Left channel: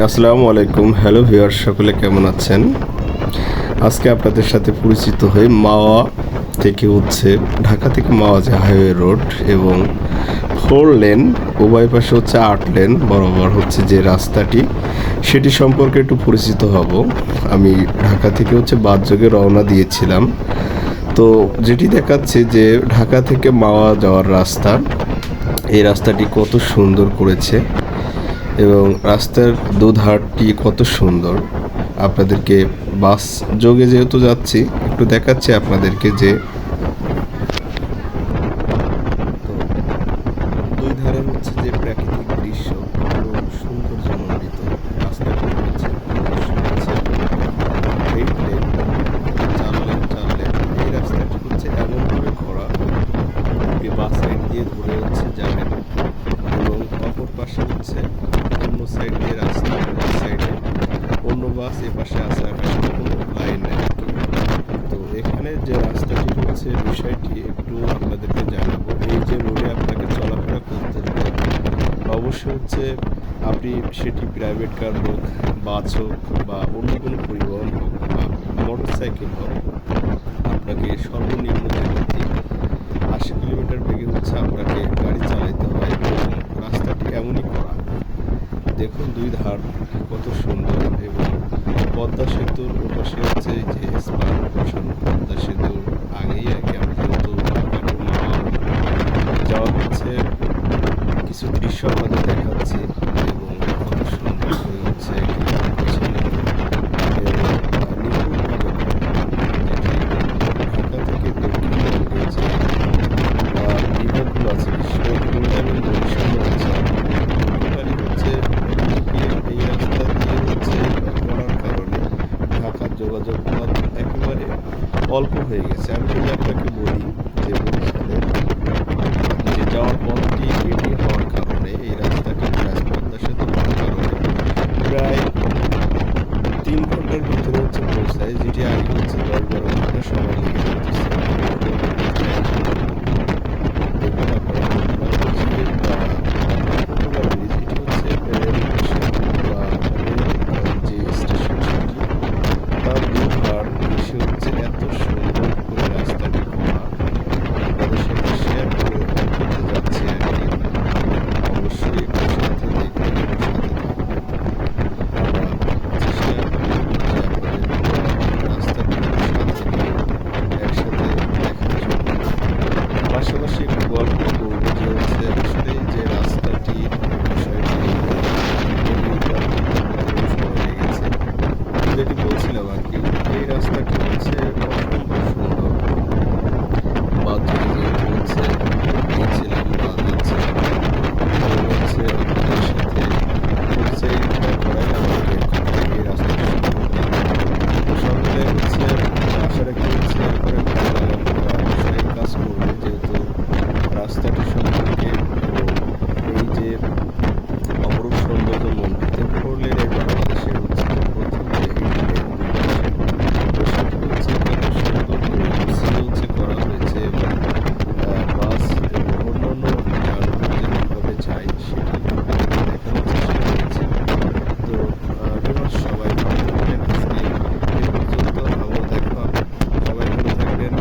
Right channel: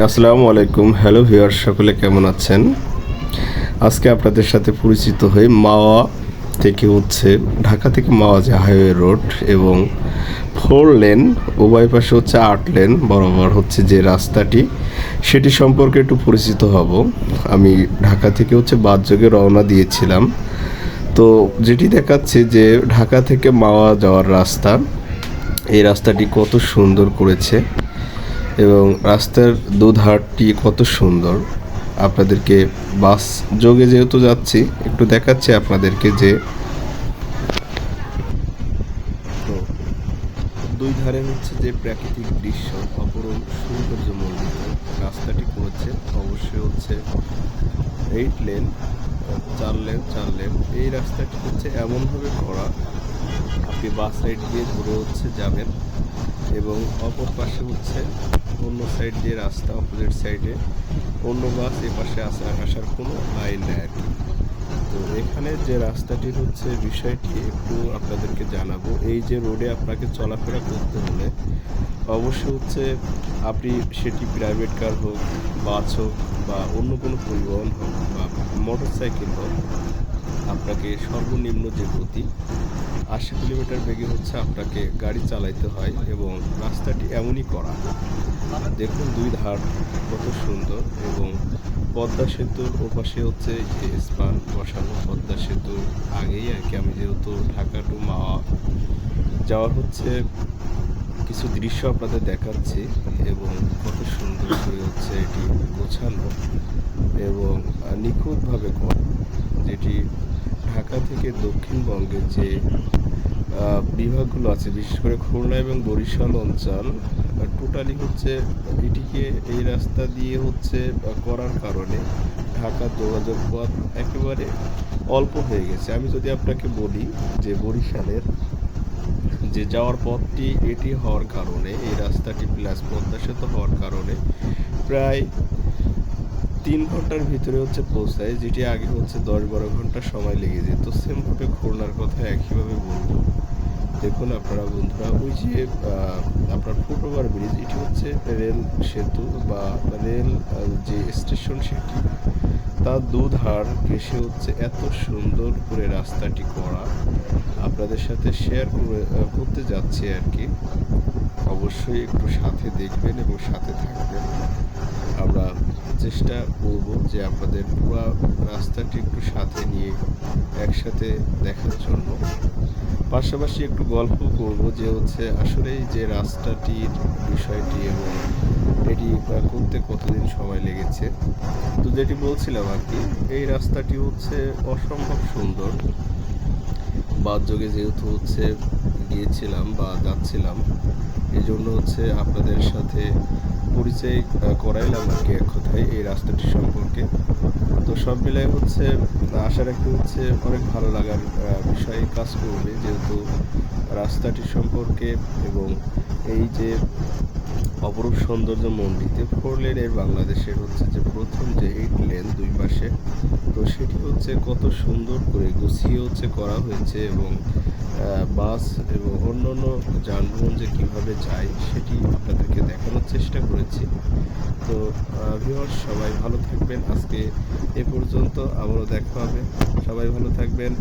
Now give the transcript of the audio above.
আসসালামু আলাইকুম। Hello viewer, সকলে কেমন আছেন? আজকে আপনাদের সাথে পরিচিত হয়ে মাওয়া থেকে ঢাকা থেকে মাওয়া যে হাইওয়ে রোড এবং 4 লেন, উভয় পাশে 8 লেন বরাবর যে রাস্তাটি, সেটি সম্পর্কে একটু পরিচিত হব। আমি ঢাকা থেকে বাসযোগে রওনা দিয়েছিলাম। তো যেটি দেখাচ্ছে যে ঢাকা থেকে মাওয়া যাওয়ার রাস্তা, এই রাস্তাটি কত সুন্দর করেছে এবং রাস্তার দুধারটি কত সুন্দর। আপনাদেরকে বাস যোগে যেহেতু যাচ্ছি, একটু দেখাচ্ছি আপনাদেরকে যে তো দুই ধারে যে প্রাকৃতিক দৃশ্য অপরূপ সৌন্দর্যমণ্ডিত। রাস্তাটি অবশ্যই 8 লেন, 4 লেন। এই রাস্তাটি এমনভাবে করা, আপনি বাস সাইড দিয়ে ধরে যাবেন এবং অপর পাশে অন্য সাইড দিয়ে রাস্তা, ওই সাইডে অন্য বাস, এ পাশে আছে আকাশের কোনো লাইন নেই আর কি। তো এখানে যে রাস্তাটি বিষয়টি একটু আপনাদেরকে জানাবো। এই যে রোডে আপনাকে চলাফেরা করতে হলে অবশ্যই আপনি সেটি প্রাইভেট কার হোক, বাস হোক বা অন্য কোনো পরিবহন হোক বা মোটর সাইকেল হোক, আপনাকে সর্বনিম্ন যে গতি 80 কিলোমিটার বেগে আপনাকে গাড়ি চালাইতে হয় এবং রাস্তাটি এমনই করা। দেখুন দুই ধার কত সুন্দর এবং পদ্মা সেতুর ওপাশে যে স্পান বসানো। পদ্মা সেতুর আগেই আর কি আমি যেহেতু ঢাকা টু মাওয়া যাওয়া কিছু দৃশ্য আপনাদের দেখাচ্ছি এবং কত সুন্দর করে এটি গোছানো এবং নিখুঁতভাবে করা, যেটি ঢাকা থেকে দক্ষিণবঙ্গের যে বিভাগগুলো আছে, বিশেষ করে খুলনা এবং বরিশাল অঞ্চল, টোটালি এটিকে এই রাস্তা দিয়ে করার কারণে ঢাকার যোগাযোগ পথ একেবারে অল্প হয়ে গেছে। আমি যদি আপনাকে বলি যে বরিশালের যে যাওয়ার পথটি এটি হওয়ার কারণে, এই রাস্তাটি প্লাস পদ্মা সেতু হওয়ার কারণে প্রায় 3 ঘন্টার ভিতরে পৌঁছায়, যেটি আগে 10-12 ঘন্টা সময় লেগে যেতেছে। খুলনার পথটা একেবারে বলবো। দেখুন আপনারা বন্ধুরা, আপনার ফুটওভার ব্রিজ, এটি রেল সেতু বা রেল যে স্টেশন, সেটি তার দুধার ঘেঁষে এত সুন্দর করে রাস্তাটি করা। আপনাদের সাথে শেয়ার করতে যাচ্ছি আর কি। অবশ্যই একটু সাথে দেখবেন এবং সাথে থাকবেন। আমরা চেষ্টা করব যে আপনাদের পুরো রাস্তাটি সাথে নিয়ে একসাথে দেখার জন্য। পাশাপাশি একটু গল্প করবো যে আসলে যে রাস্তাটির বিষয়টি এবং এটি পার করতে কতদিন সময় লেগেছে। যেটি বলছিলাম আর কি, এই রাস্তাটি অসম্ভব সুন্দর। বাসযোগে যেহেতু গিয়েছিলাম বা যাচ্ছিলাম, এই জন্য আপনাদের সাথে পরিচয় করাইলাম আর কি এক কথায় এই রাস্তাটি সম্পর্কে। তো সব মিলে আশা রাখি অনেক ভালো লাগার বিষয় কাজ করবে, যেহেতু রাস্তাটি সম্পর্কে এবং এই যে অপরূপ সৌন্দর্য মণ্ডিত 4 লেনের বাংলাদেশের যে প্রথম যে 8 লেন দুই পাশে, তো সেটি কত সুন্দর করে গুছিয়ে করা হয়েছে এবং বাস এবং অন্যান্য যানবাহন যে কীভাবে যায় সেটি আপনাদেরকে দেখানোর চেষ্টা করেছি। তো ভিউয়ার্স, সবাই ভালো থাকবেন। আজকে এ পর্যন্ত, আবারও দেখা হবে। সবাই ভালো থাকবেন।